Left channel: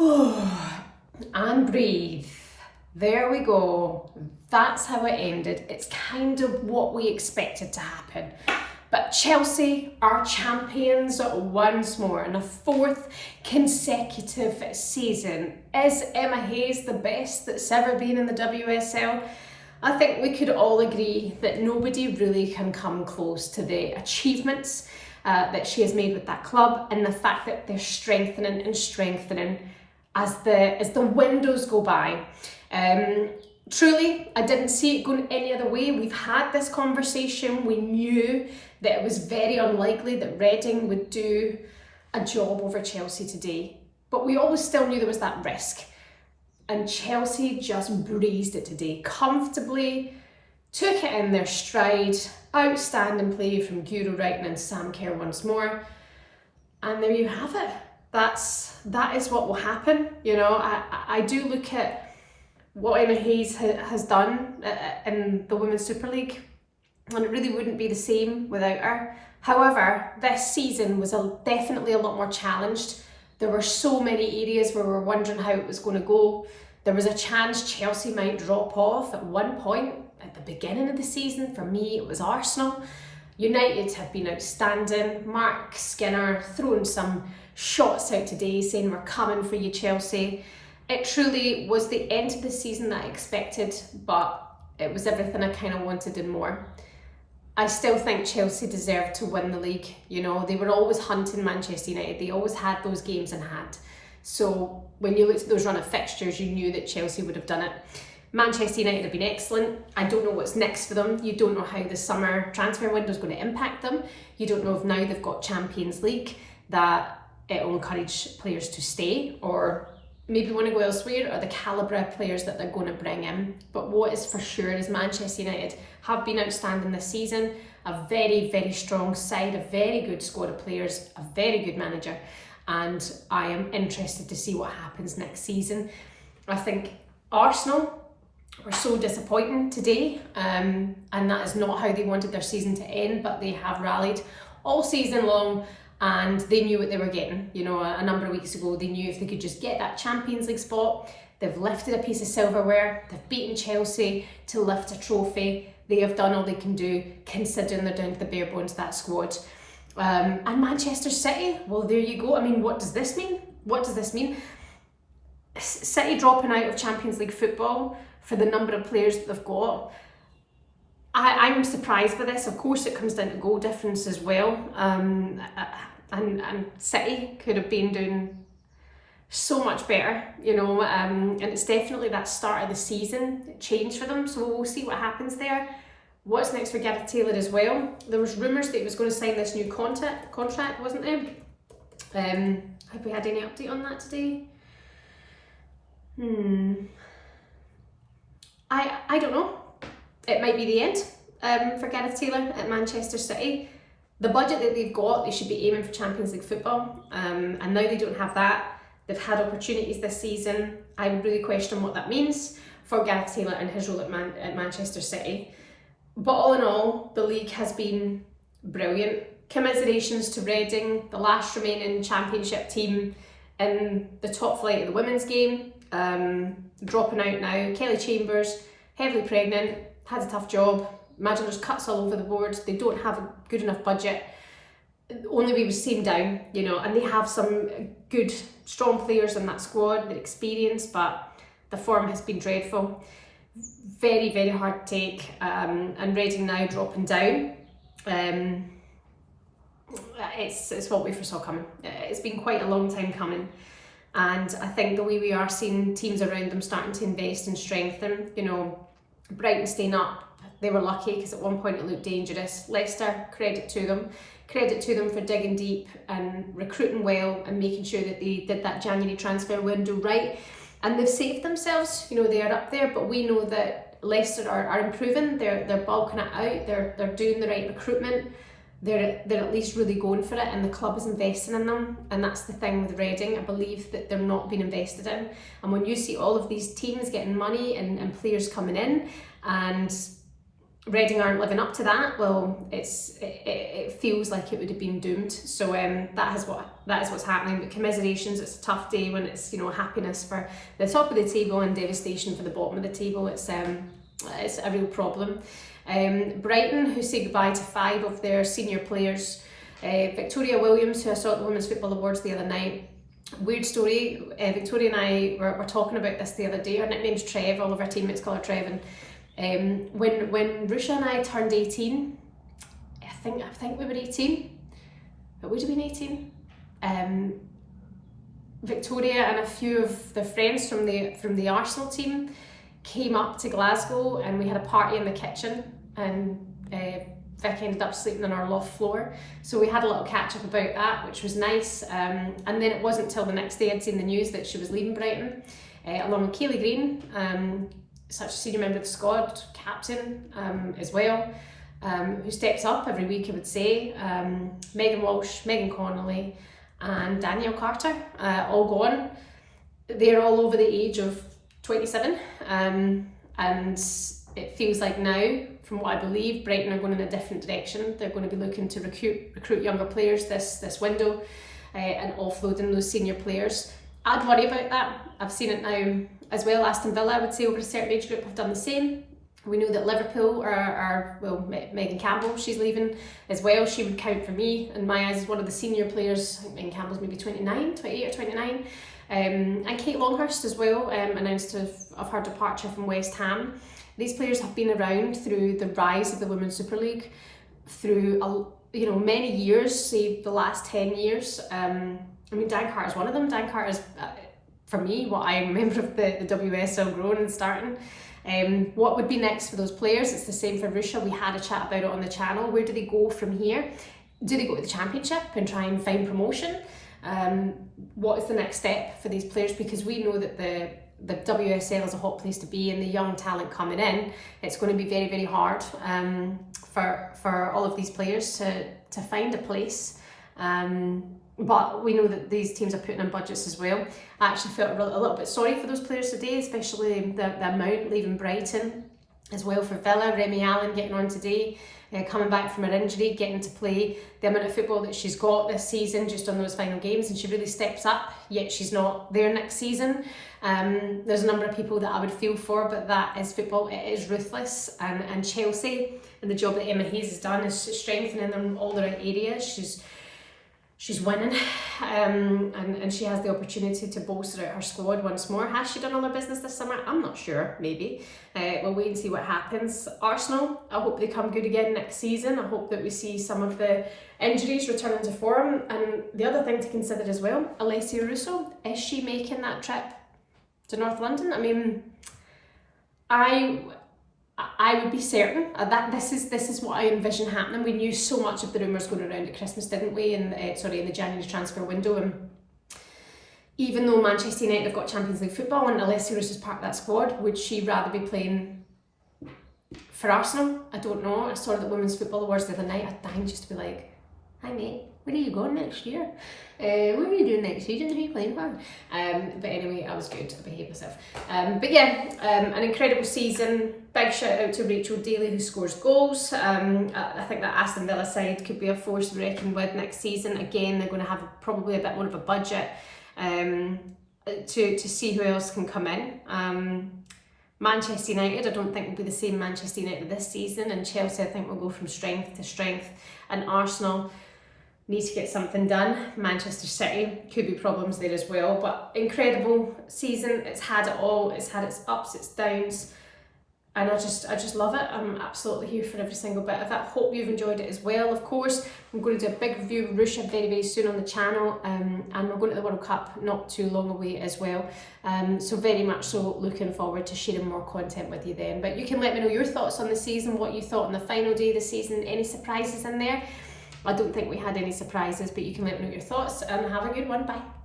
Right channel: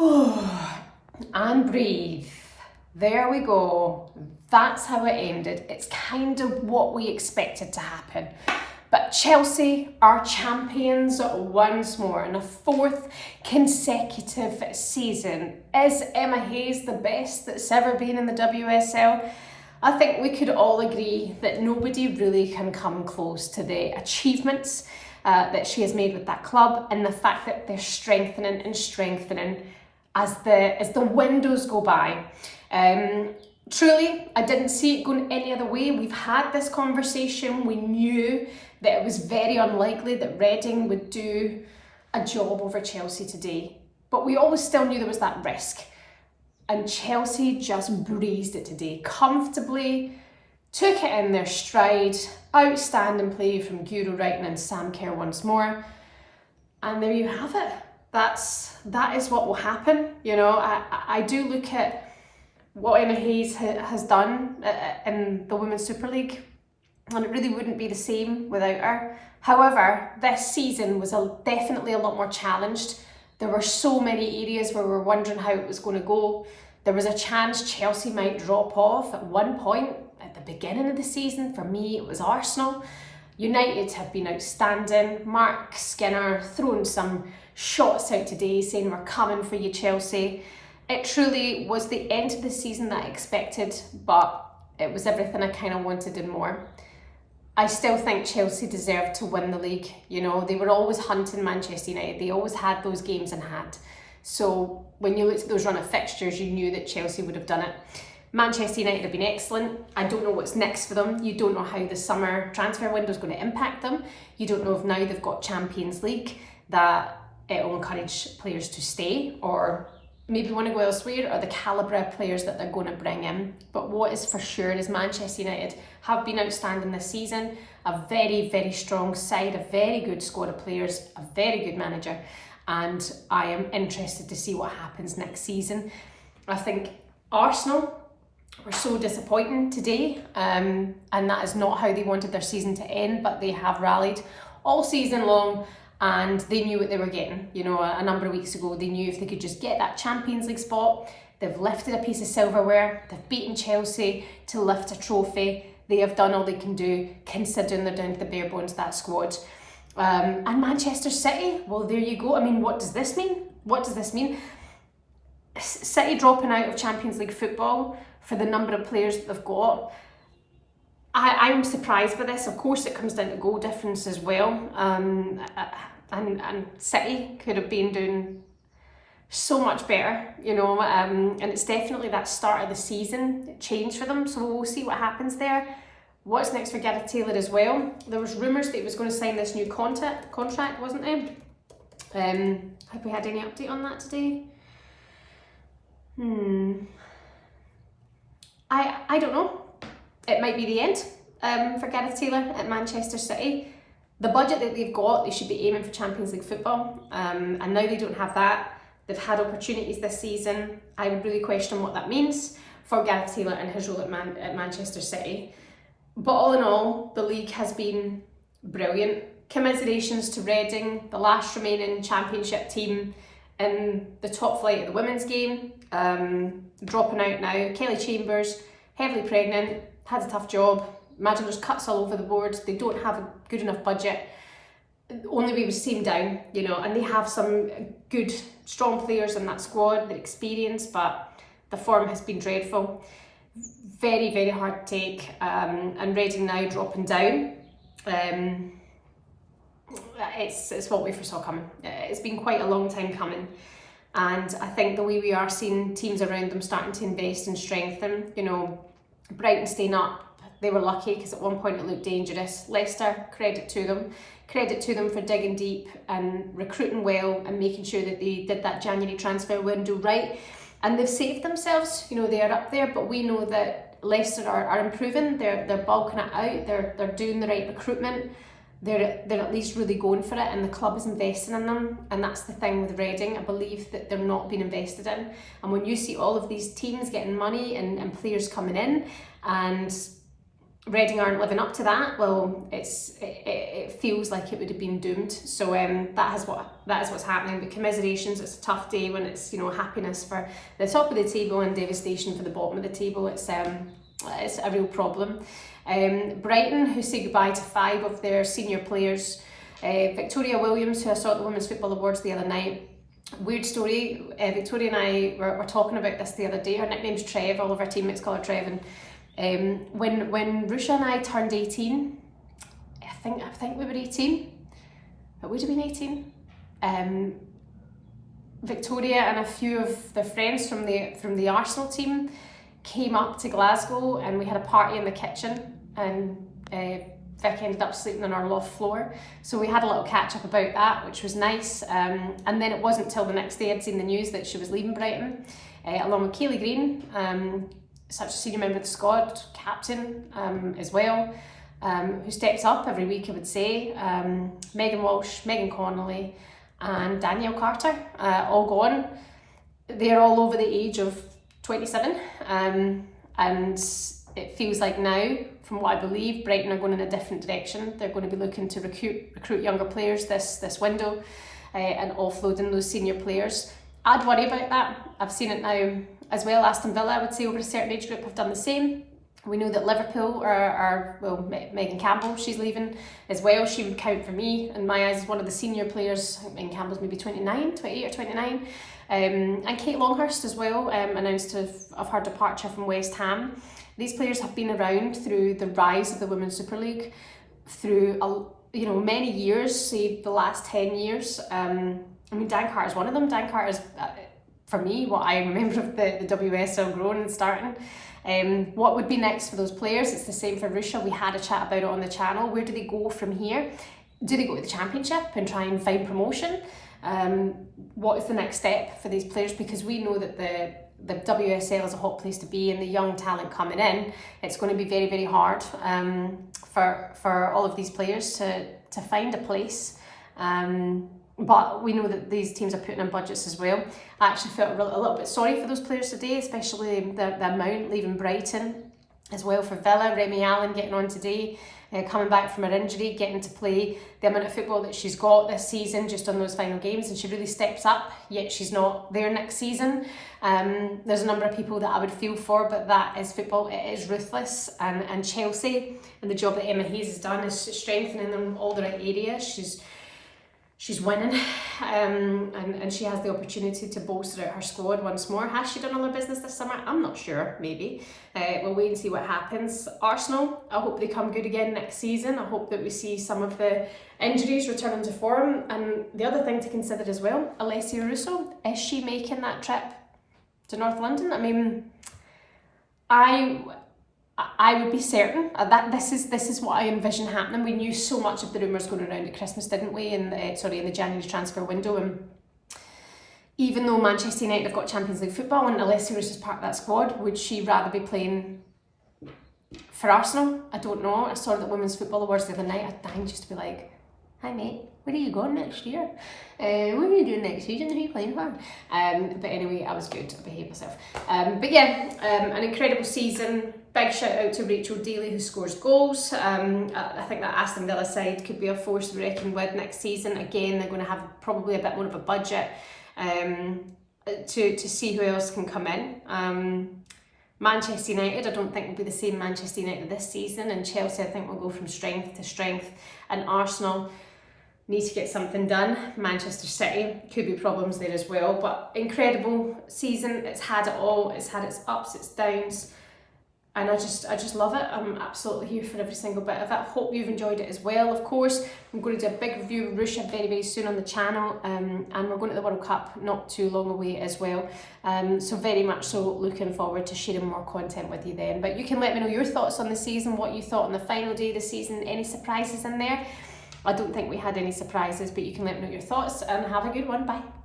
And breathe. There we go. That's how it ended. It's kind of what we expected to happen. But Chelsea are champions once more in a fourth consecutive season. Is Emma Hayes the best that's ever been in the WSL? I think we could all agree that nobody really can come close to the achievements that she has made with that club, and the fact that they're strengthening and strengthening as the windows go by. Truly, I didn't see it going any other way. We've had this conversation. We knew that it was very unlikely that Reading would do a job over Chelsea today, but we always still knew there was that risk. And Chelsea just breezed it today, comfortably, took it in their stride. Outstanding play from Guro Reiten and Sam Kerr once more. And there you have it. That is what will happen. You know, I do look at what Emma Hayes has done in the Women's Super League, and it really wouldn't be the same without her. However, this season was definitely a lot more challenged. There were so many areas where we were wondering how it was going to go. There was a chance Chelsea might drop off at one point at the beginning of the season. For me, it was Arsenal. United have been outstanding. Mark Skinner throwing some shots out today saying, "We're coming for you, Chelsea." It truly was the end of the season that I expected, but it was everything I kind of wanted and more. I still think Chelsea deserved to win the league. You know, they were always hunting Manchester United. They always had those games in hand. So when you looked at those run of fixtures, you knew that Chelsea would have done it. Manchester United have been excellent. I don't know what's next for them. You don't know how the summer transfer window is going to impact them. You don't know if now they've got Champions League that it will encourage players to stay or maybe want to go elsewhere, or the calibre of players that they're going to bring in. But what is for sure is Manchester United have been outstanding this season. A very, very strong side, a very good squad of players, a very good manager. And I am interested to see what happens next season. I think Arsenal were so disappointing today, and that is not how they wanted their season to end, but they have rallied all season long, and they knew what they were getting. You know, a number of weeks ago, they knew if they could just get that Champions League spot. They've lifted a piece of silverware. They've beaten Chelsea to lift a trophy. They have done all they can do, considering they're down to the bare bones of that squad. And Manchester City, well, there you go. I mean, what does this mean? What does this mean? City dropping out of Champions League football for the number of players that they've got. I'm surprised by this. Of course, it comes down to goal difference as well. And City could have been doing so much better, you know. And it's definitely that start of the season change for them. So we'll see what happens there. What's next for Gareth Taylor as well? There was rumours that he was going to sign this new contract, wasn't there? Have we had any update on that today? I don't know. It might be the end for Gareth Taylor at Manchester City. The budget that they've got, they should be aiming for Champions League football. And now they don't have that. They've had opportunities this season. I would really question what that means for Gareth Taylor and his role at Manchester City. But all in all, the league has been brilliant. Commiserations to Reading, the last remaining championship team in the top flight of the women's game. Dropping out now. Kelly Chambers, heavily pregnant, had a tough job. Imagine there's cuts all over the board. They don't have a good enough budget. Only way was team down, you know, and they have some good, strong players in that squad, they're experienced, but the form has been dreadful. Very, very hard to take, and Reading now dropping down. It's what we foresaw coming. It's been quite a long time coming, and I think the way we are seeing teams around them starting to invest and strengthen, you know, Brighton staying up, they were lucky because at one point it looked dangerous. Leicester, credit to them for digging deep and recruiting well and making sure that they did that January transfer window right, and they've saved themselves. You know, they are up there, but we know that Leicester are improving. They're bulking it out. They're doing the right recruitment. They're at least really going for it, and the club is investing in them. And that's the thing with Reading. I believe that they're not being invested in. And when you see all of these teams getting money and players coming in, and Reading aren't living up to that, well, it feels like it would have been doomed. So that is what's happening. But commiserations, it's a tough day when it's, you know, happiness for the top of the table and devastation for the bottom of the table. It's a real problem. Brighton, who say goodbye to 5 of their senior players. Victoria Williams, who I saw at the Women's Football Awards the other night. Weird story. Victoria and I were talking about this the other day. Her nickname's Trev. All of our teammates call her Trev. And when Rusha and I turned 18, I think we were 18. It would have been 18. Victoria and a few of the friends from the Arsenal team came up to Glasgow, and we had a party in the kitchen, and Vic ended up sleeping on our loft floor. So we had a little catch up about that, which was nice. And then it wasn't till the next day I'd seen the news that she was leaving Brighton, along with Kayleigh Green, such a senior member of the squad, captain as well, who steps up every week, I would say. Megan Walsh, Megan Connolly, and Danielle Carter, all gone. They're all over the age of 27, and it feels like now, from what I believe, Brighton are going in a different direction. They're going to be looking to recruit younger players this window, and offloading those senior players. I'd worry about that. I've seen it now as well. Aston Villa, I would say, over a certain age group have done the same. We know that Liverpool well, Megan Campbell, she's leaving as well. She would count for me, in my eyes, as one of the senior players. I think Megan Campbell's maybe 28 or 29. And Kate Longhurst as well, announced of her departure from West Ham. These players have been around through the rise of the Women's Super League, through many years, say the last 10 years. I mean, Dan Carter's one of them. Dan Carter's, for me, what I remember of the WSL growing and starting. What would be next for those players? It's the same for Rusha. We had a chat about it on the channel. Where do they go from here? Do they go to the Championship and try and find promotion? What is the next step for these players? Because we know that the WSL is a hot place to be, and the young talent coming in, it's going to be very, very hard for all of these players to find a place. But we know that these teams are putting in budgets as well. I actually felt a little bit sorry for those players today, especially the amount leaving Brighton as well. For Villa, Remy Allen getting on today, coming back from her injury, getting to play the amount of football that she's got this season just on those final games, and she really steps up, yet she's not there next season. There's a number of people that I would feel for, but that is football. It is ruthless, and Chelsea, and the job that Emma Hayes has done is strengthening them in all the right areas. She's winning, and she has the opportunity to bolster out her squad once more. Has she done all her business this summer? I'm not sure, maybe. We'll wait and see what happens. Arsenal, I hope they come good again next season. I hope that we see some of the injuries returning to form. And the other thing to consider as well, Alessia Russo, is she making that trip to North London? I mean, I would be certain that this is what I envision happening. We knew so much of the rumours going around at Christmas, didn't we? In the January transfer window. And even though Manchester United have got Champions League football and Alessia Russo is part of that squad, would she rather be playing for Arsenal? I don't know. I saw the Women's Football Awards the other night. I dying just to be like, hi mate, where are you going next year? What are you doing next season? Who are you playing for? But anyway, I was good. I behaved myself. But yeah, an incredible season. Big shout out to Rachel Daly, who scores goals. I think that Aston Villa side could be a force to be reckoned with next season. Again, they're going to have probably a bit more of a budget to see who else can come in. Manchester United, I don't think will be the same Manchester United this season, and Chelsea, I think, will go from strength to strength, and Arsenal need to get something done. Manchester City, could be problems there as well, but incredible season. It's had it all. It's had its ups, its downs, and I just love it. I'm absolutely here for every single bit of it. Hope you've enjoyed it as well. Of course, I'm going to do a big review of Russia very, very soon on the channel, and we're going to the World Cup not too long away as well. So very much so looking forward to sharing more content with you then. But you can let me know your thoughts on the season, what you thought on the final day of the season, any surprises in there. I don't think we had any surprises, but you can let me know your thoughts, and have a good one. Bye.